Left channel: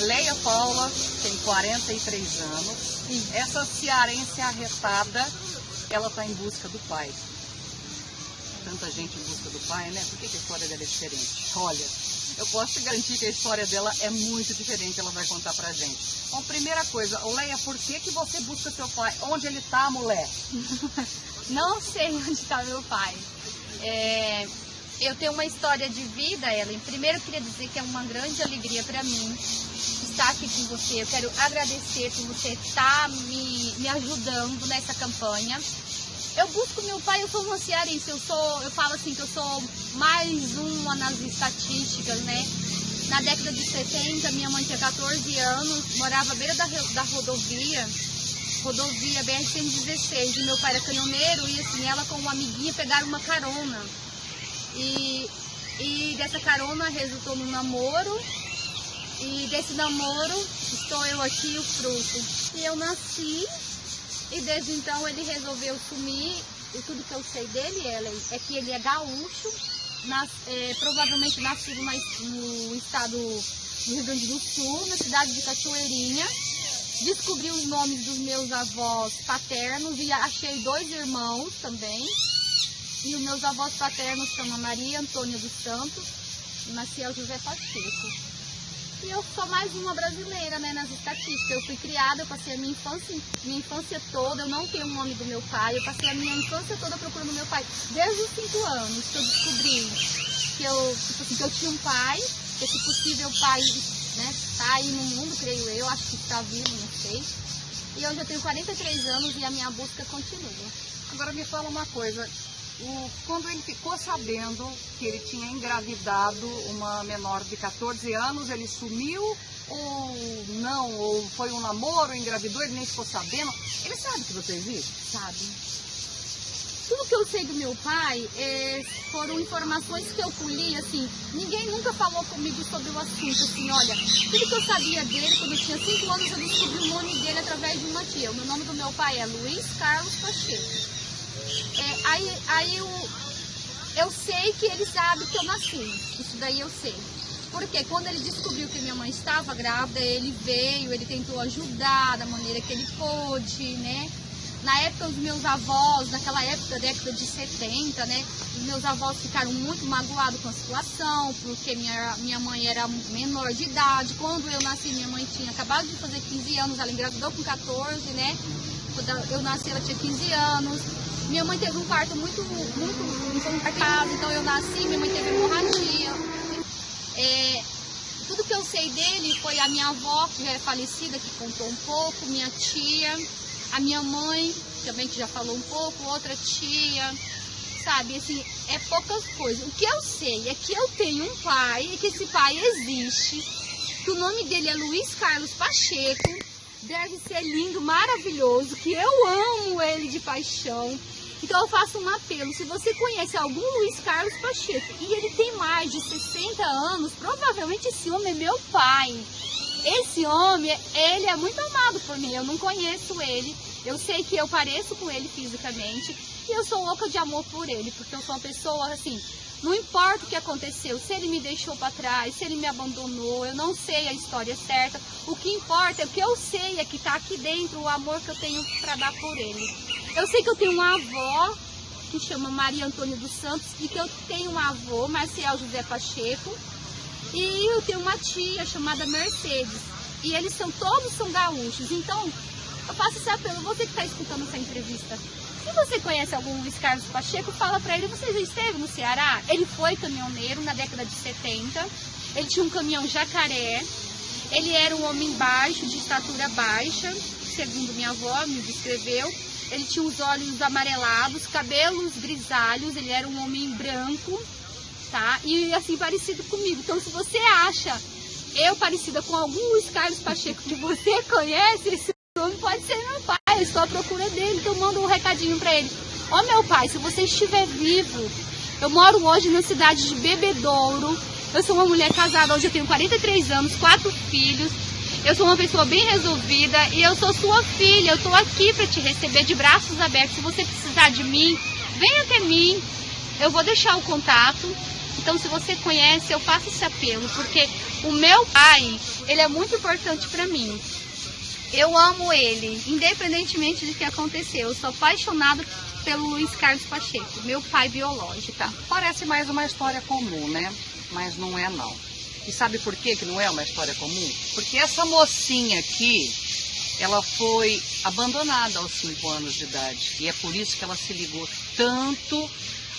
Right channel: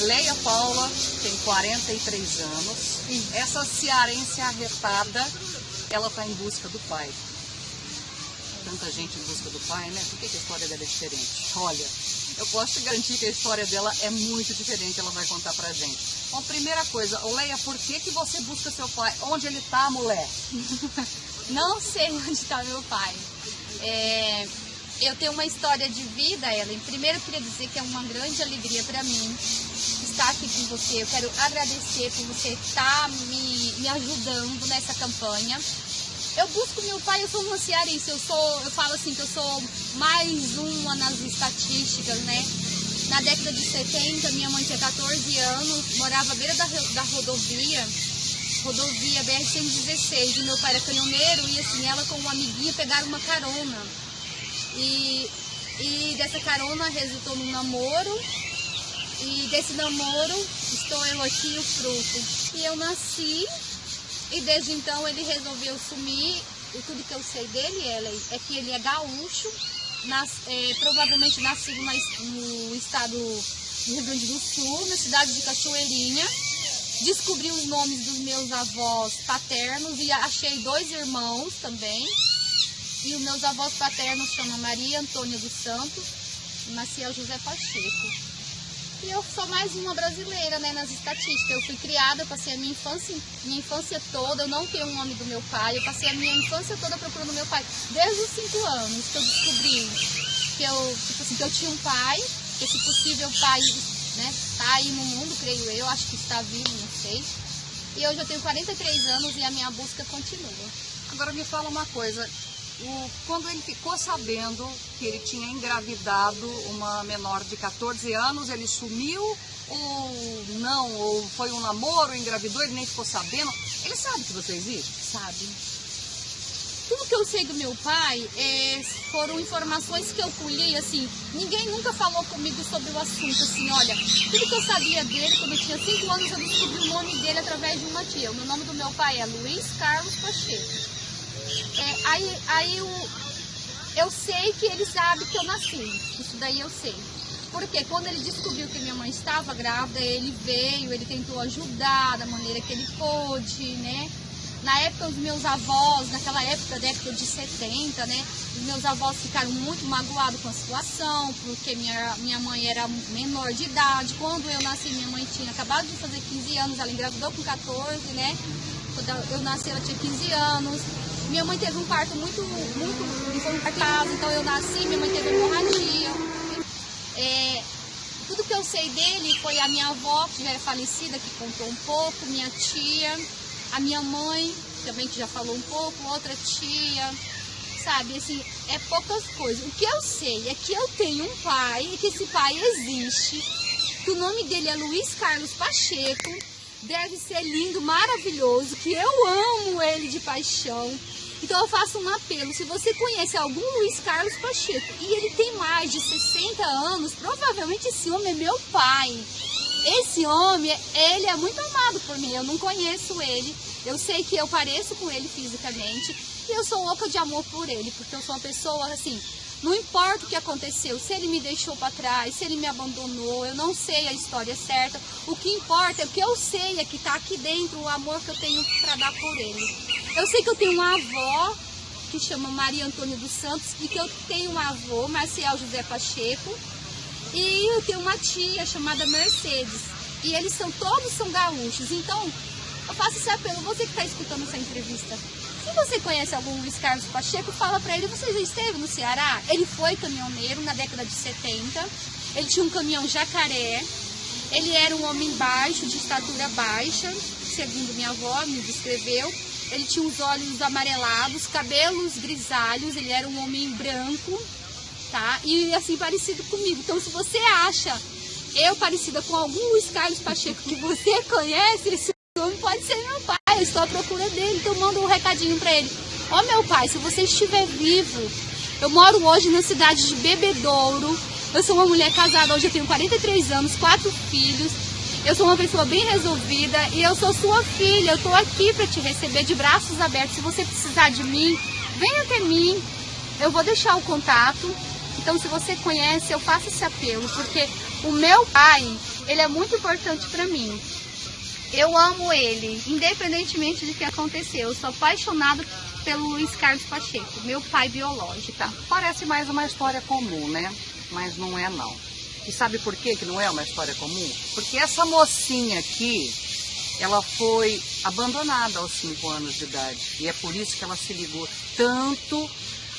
Leia Paula tem 43 anos. Essa cearense arretada, ela está em busca do pai. Tanta gente em busca do pai, né? Por que a história dela é diferente? Olha, eu posso te garantir que a história dela é muito diferente, ela vai contar pra gente. Bom, primeira coisa, Leia, por que você busca seu pai? Onde ele tá, mulher? Não sei onde está meu pai. Eu tenho uma história de vida, Ellen. Primeiro eu queria dizer que é uma grande alegria para mim estar aqui com você. Eu quero agradecer por você estar me ajudando nessa campanha. Eu busco meu pai, eu sou uma cearense, eu falo assim que eu sou mais uma nas estatísticas, né? Na década de 70, minha mãe tinha 14 anos, morava à beira da rodovia BR-116, e meu pai era caminhoneiro, e assim, ela com uma amiguinha pegaram uma carona. E dessa carona resultou num namoro, e desse namoro estou eu aqui, o fruto. E eu nasci, e desde então ele resolveu sumir. E tudo que eu sei dele, Ellen, é que ele é gaúcho, provavelmente nascido no estado do Rio Grande do Sul, na cidade de Cachoeirinha. Descobri os nomes dos meus avós paternos e achei 2 irmãos também. E os meus avós paternos chamam Maria Antônia dos Santos e Maciel José Pacheco. E eu sou mais uma brasileira, né, nas estatísticas. Eu fui criada, eu passei a minha infância toda, eu não tenho o nome do meu pai, eu passei a minha infância toda procurando meu pai. Desde os 5 anos que eu descobri que eu tinha um pai, que esse possível pai, né, está aí no mundo, creio eu, acho que está vivo, não sei. E eu já tenho 43 anos e a minha busca continua. Agora me fala uma coisa, quando ele ficou sabendo que ele tinha engravidado uma menor de 14 anos, ele sumiu ou não? Ou foi um namoro, engravidou, ele nem ficou sabendo? Ele sabe que você existe? Sabe. Tudo que eu sei do meu pai foram informações que eu colhi, assim, ninguém nunca falou comigo sobre o assunto, assim, olha, tudo que eu sabia dele, quando eu tinha 5 anos, eu descobri o nome dele através de uma tia. O nome do meu pai é Luiz Carlos Pacheco. Eu sei que ele sabe que eu nasci, isso daí eu sei. Porque quando ele descobriu que minha mãe estava grávida, ele veio, ele tentou ajudar da maneira que ele pôde, né? Na época, os meus avós, naquela época, década de 70, né? Os meus avós ficaram muito magoados com a situação, porque minha mãe era menor de idade. Quando eu nasci, minha mãe tinha acabado de fazer 15 anos, ela engravidou com 14, né? Quando eu nasci, ela tinha 15 anos. Minha mãe teve um parto muito infartado, então eu nasci, minha mãe teve hemorragia. Tudo que eu sei dele foi a minha avó, que já é falecida, que contou um pouco, minha tia, a minha mãe, também que já falou um pouco, outra tia, sabe, assim, é poucas coisas. O que eu sei é que eu tenho um pai, e que esse pai existe, que o nome dele é Luiz Carlos Pacheco, deve ser lindo, maravilhoso, que eu amo ele de paixão. Então eu faço um apelo, se você conhece algum Luiz Carlos Pacheco e ele tem mais de 60 anos, provavelmente esse homem é meu pai. Esse homem, ele é muito amado por mim, eu não conheço ele, eu sei que eu pareço com ele fisicamente e eu sou louca de amor por ele, porque eu sou uma pessoa assim, não importa o que aconteceu, se ele me deixou para trás, se ele me abandonou, eu não sei a história certa, o que importa é o que eu sei, é que está aqui dentro o amor que eu tenho para dar por ele. Eu sei que eu tenho uma avó, que chama Maria Antônia dos Santos, e que eu tenho um avô, Maciel José Pacheco, e eu tenho uma tia chamada Mercedes, e eles todos são gaúchos. Então, eu faço esse apelo, você que está escutando essa entrevista, se você conhece algum Luiz Carlos Pacheco, fala para ele, você já esteve no Ceará? Ele foi caminhoneiro na década de 70, ele tinha um caminhão jacaré, ele era um homem baixo, de estatura baixa, segundo minha avó me descreveu. Ele tinha os olhos amarelados, cabelos grisalhos, ele era um homem branco, tá? E assim, parecido comigo. Então, se você acha eu parecida com algum Luiz Carlos Pacheco que você conhece, esse homem pode ser meu pai. Eu estou à procura dele, então manda um recadinho pra ele. Ó, meu pai, se você estiver vivo, eu moro hoje na cidade de Bebedouro. Eu sou uma mulher casada, hoje eu tenho 43 anos, 4 filhos. Eu sou uma pessoa bem resolvida e eu sou sua filha. Eu tô aqui para te receber de braços abertos. Se você precisar de mim, venha até mim. Eu vou deixar o contato. Então, se você conhece, eu faço esse apelo, porque o meu pai, Ele é muito importante para mim. Eu amo ele, independentemente do que aconteceu. Eu sou apaixonada pelo Luiz Carlos Pacheco, meu pai biológico. Parece mais uma história comum, né? Mas não é não. E sabe por que não é uma história comum? Porque essa mocinha aqui, ela foi abandonada aos 5 anos de idade. E é por isso que ela se ligou tanto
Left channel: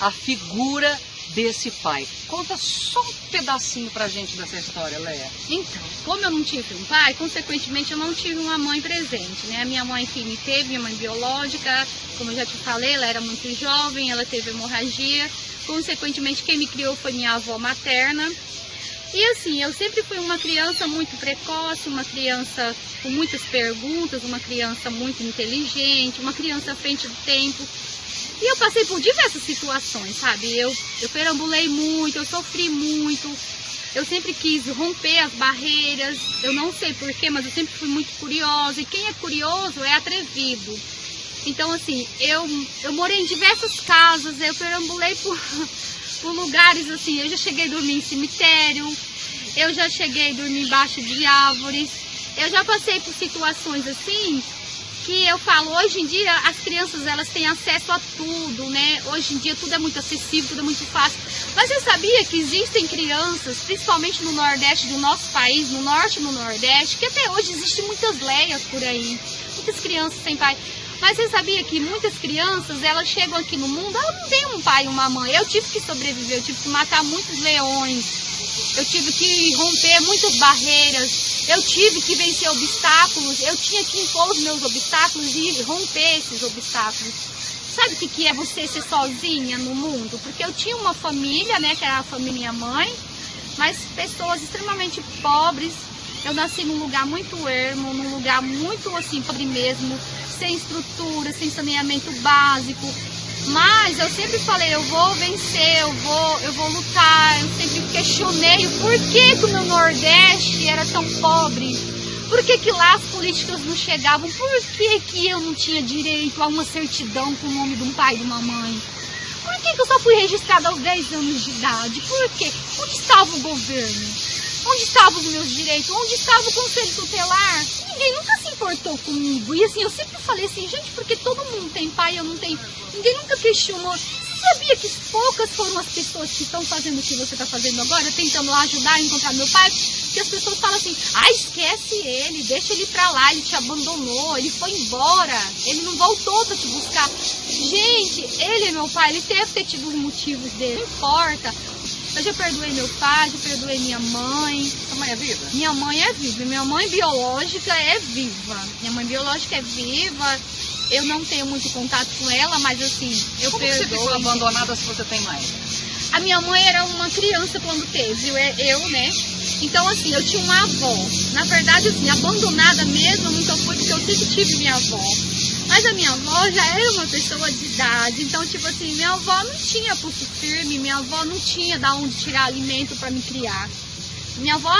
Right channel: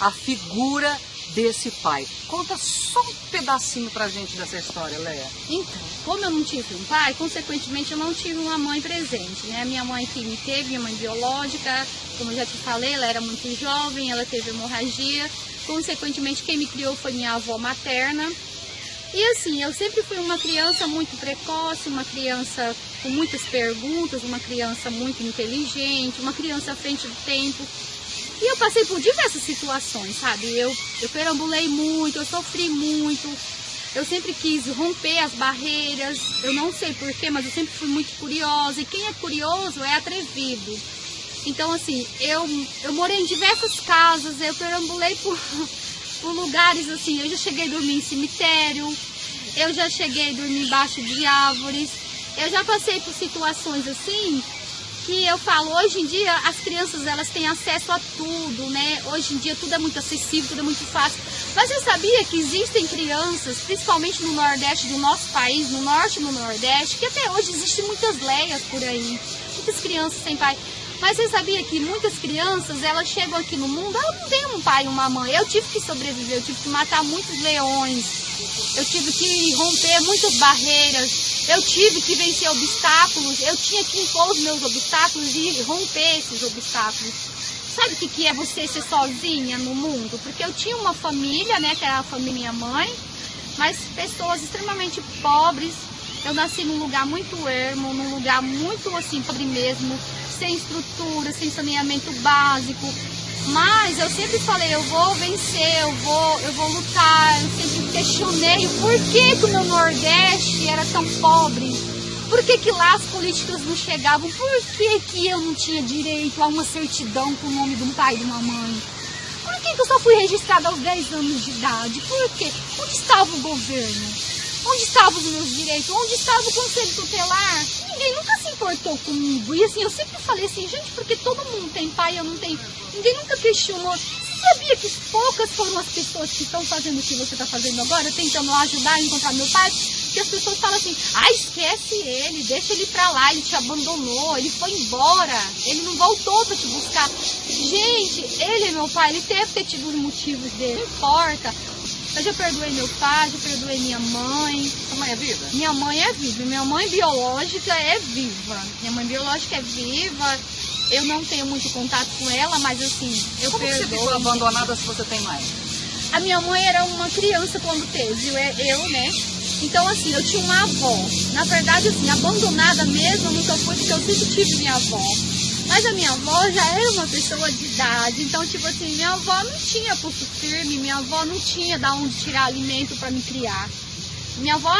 à figura desse pai. Conta só um pedacinho pra gente dessa história, Leia. Então, como eu não tive um pai, consequentemente eu não tive uma mãe presente, né? A minha mãe que me teve, minha mãe biológica, como eu já te falei, ela era muito jovem, ela teve hemorragia. Consequentemente, quem me criou foi minha avó materna. E assim, eu sempre fui uma criança muito precoce, uma criança com muitas perguntas, uma criança muito inteligente, uma criança à frente do tempo. E eu passei por diversas situações, sabe? Eu perambulei muito, eu sofri muito. Eu sempre quis romper as barreiras. Eu não sei porquê, mas eu sempre fui muito curiosa. E quem é curioso é atrevido. Então, assim, eu morei em diversas casas, eu perambulei por lugares, assim. Eu já cheguei a dormir em cemitério, eu já cheguei a dormir embaixo de árvores. Eu já passei por situações assim que eu falo, hoje em dia as crianças elas têm acesso a tudo, né? Hoje em dia tudo é muito acessível, tudo é muito fácil. Mas você sabia que existem crianças, principalmente no Nordeste do nosso país, no Norte e no Nordeste, que até hoje existem muitas leias por aí, muitas crianças sem pai. Mas você sabia que muitas crianças, elas chegam aqui no mundo, elas não têm um pai e uma mãe. Eu tive que sobreviver, eu tive que matar muitos leões, eu tive que romper muitas barreiras. Eu tive que vencer obstáculos, eu tinha que impor os meus obstáculos e romper esses obstáculos. Sabe o que é você ser sozinha no mundo? Porque eu tinha uma família, né, que era a família minha mãe, mas pessoas extremamente pobres. Eu nasci num lugar muito ermo, num lugar muito assim, pobre mesmo, sem estrutura, sem saneamento básico. Mas eu sempre falei, eu vou vencer, eu vou lutar. Eu sempre questionei o porquê que o meu Nordeste era tão pobre. Por que lá as políticas não chegavam? Por que eu não tinha direito a uma certidão com o nome de um pai e de uma mãe? Por que eu só fui registrada aos 10 anos de idade? Por quê? Onde estava o governo? Onde estavam os meus direitos? Onde estava o conselho tutelar? Ninguém nunca se importou comigo. E assim, eu sempre falei assim, gente, porque todo mundo tem pai, eu não tenho. Ninguém nunca questionou. Você sabia que poucas foram as pessoas que estão fazendo o que você está fazendo agora, tentando ajudar a encontrar meu pai? Que as pessoas falam assim, esquece ele, deixa ele pra lá, ele te abandonou, ele foi embora, ele não voltou pra te buscar. Gente, ele é meu pai, ele deve ter tido os motivos dele, não importa. Eu já perdoei meu pai, já perdoei minha mãe. Sua mãe é viva? Minha mãe é viva, minha mãe biológica é viva. Minha mãe biológica é viva. Eu não tenho muito contato com ela, mas assim, eu Como perdoo. você ficou abandonada se você tem mãe? A minha mãe era uma criança quando teve, eu, né? Então, assim, eu tinha uma avó. Na verdade, assim, abandonada mesmo eu nunca fui, porque eu sempre tive minha avó. Mas a minha avó já era uma pessoa de idade. Então, tipo assim, minha avó não tinha pulso firme, minha avó não tinha de onde tirar alimento para me criar. Minha avó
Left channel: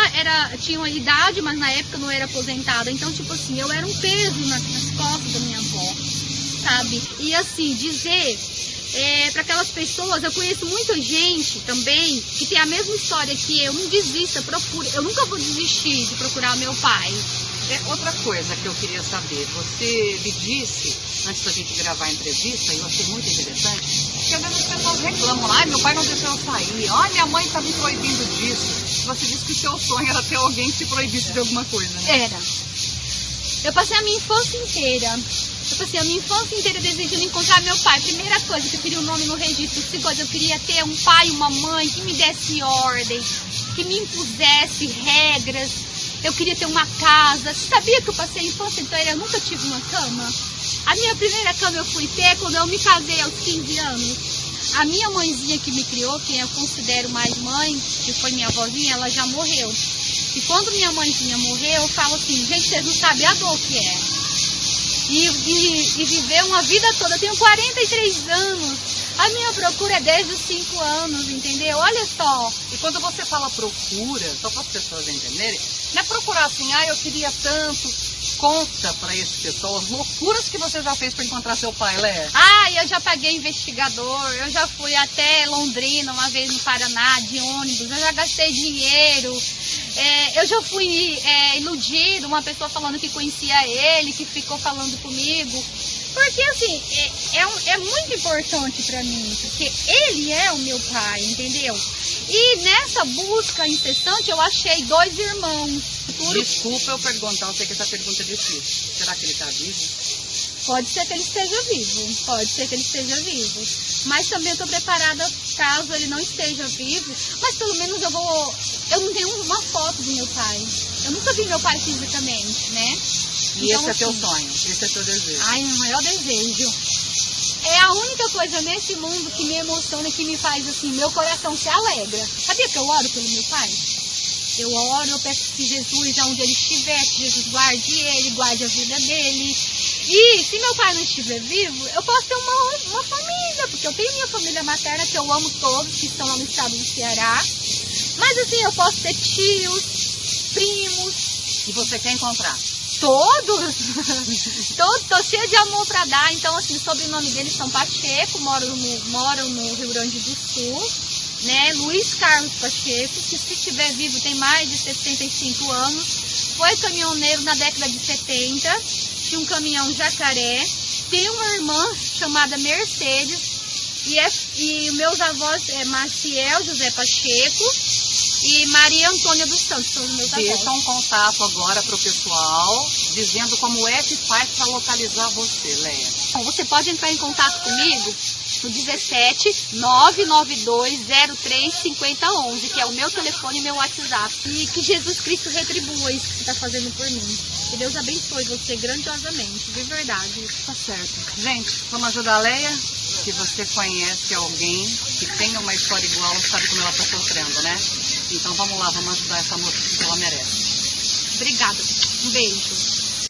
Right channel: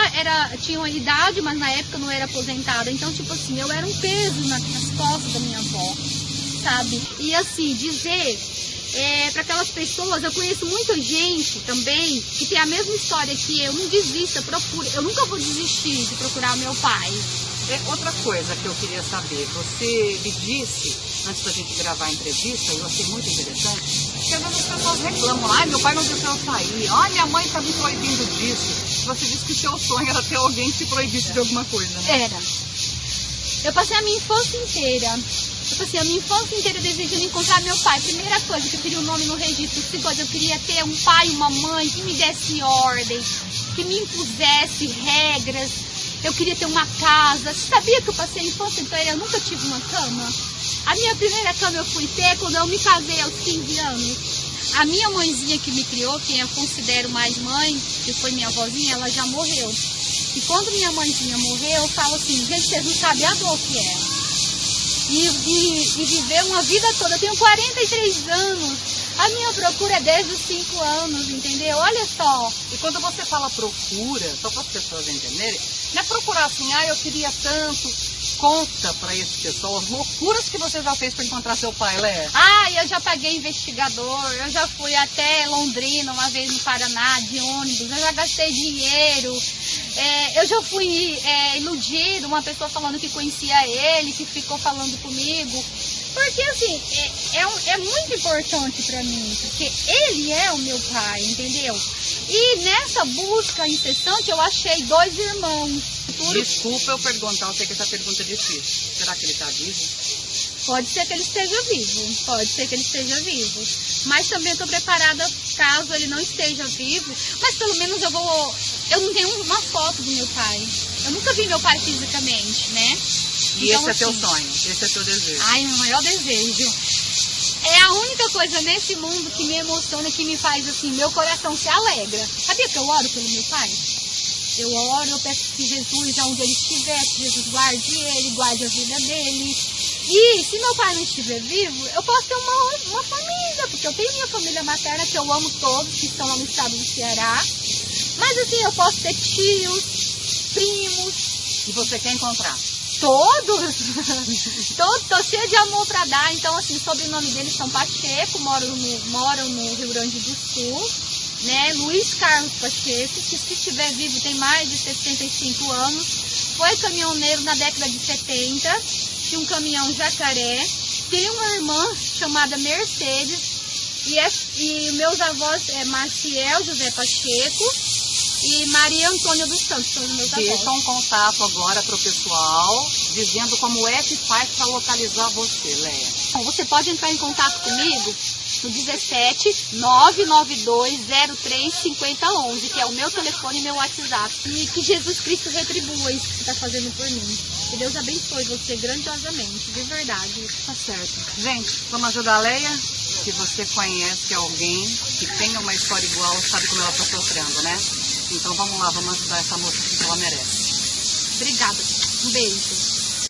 tinha uma idade, mas na época não era aposentada. Então, tipo assim, eu era um peso nas costas da minha avó, sabe? E assim, dizer para aquelas pessoas, eu conheço muita gente também que tem a mesma história que eu. Não desista, procura. Eu nunca vou desistir de procurar meu pai. Outra coisa que eu queria saber, você me disse, antes da gente gravar a entrevista, e eu achei muito interessante, que às vezes as pessoas reclamam, meu pai não deixou eu sair, minha mãe está me proibindo disso. Você disse que seu sonho era ter alguém que te proibisse de alguma coisa, né? Era. Eu passei a minha infância inteira. Desejando encontrar meu pai. Primeira coisa, que eu queria o nome no registro. Segunda coisa, eu queria ter um pai e uma mãe que me desse ordem, que me impusesse regras. Eu queria ter uma casa. Você sabia que eu passei a infância inteira? Eu nunca tive uma cama. A minha primeira cama eu fui ter quando eu me casei aos 15 anos. A minha mãezinha que me criou, quem eu considero mais mãe, que foi minha avózinha, ela já morreu. E quando minha mãezinha morreu, eu falo assim, gente, vocês não sabem a dor que é. E viver uma vida toda. Eu tenho 43 anos. A minha procura é desde os 5 anos, entendeu? Olha só. E quando você fala procura, só para as pessoas entenderem, não é procurar assim, eu queria tanto. Conta pra esse pessoal as loucuras que você já fez pra encontrar seu pai, Léa. Ah, eu já paguei investigador, eu já fui até Londrina uma vez no Paraná de ônibus, eu já gastei dinheiro, eu já fui iludido, uma pessoa falando que conhecia ele, que ficou falando comigo. Porque assim, é muito importante pra mim, porque ele é o meu pai, entendeu? E nessa busca incessante eu achei 2 irmãos. Desculpa eu perguntar, eu sei que essa pergunta é difícil. Será que ele tá vivo? Pode ser que ele esteja vivo, pode ser que ele esteja vivo. Mas também eu tô preparada caso ele não esteja vivo. Mas pelo menos eu não tenho uma foto do meu pai. Eu nunca vi meu pai fisicamente, né? E então, esse é teu assim, sonho, esse é teu desejo. Ai, meu maior desejo. É a única coisa nesse mundo que me emociona e que me faz assim, meu coração se alegra. Sabia que eu oro pelo meu pai? Eu oro, eu peço que Jesus, aonde ele estiver, que Jesus guarde ele, guarde a vida dele. E se meu pai não estiver vivo, eu posso ter uma família, porque eu tenho minha família materna, que eu amo todos, que estão lá no estado do Ceará. Mas assim, eu posso ter tios, primos. E você quer encontrar? Todos, tô cheia de amor pra dar. Então, assim, o sobrenome deles são Pacheco, moram no Rio Grande do Sul, né? Luiz Carlos Pacheco, que se estiver vivo tem mais de 65 anos, foi caminhoneiro na década de 70, tinha um caminhão Jacaré, tem uma irmã chamada Mercedes, e meus avós é Maciel José Pacheco e Maria Antônia dos Santos, são os meus avós. Deixa um contato agora pro pessoal, dizendo como é que faz para localizar você, Léa. Bom, você pode entrar em contato comigo no 17 992 03 5011, que é o meu telefone e meu WhatsApp. E que Jesus Cristo retribua isso que você está fazendo por mim. Que Deus abençoe você grandiosamente, de verdade. Tá certo. Gente, vamos ajudar a Léa? Se você conhece alguém que tenha uma história igual, sabe como ela está sofrendo, né? Então vamos lá, vamos ajudar essa moça que ela merece. Obrigada. Um beijo.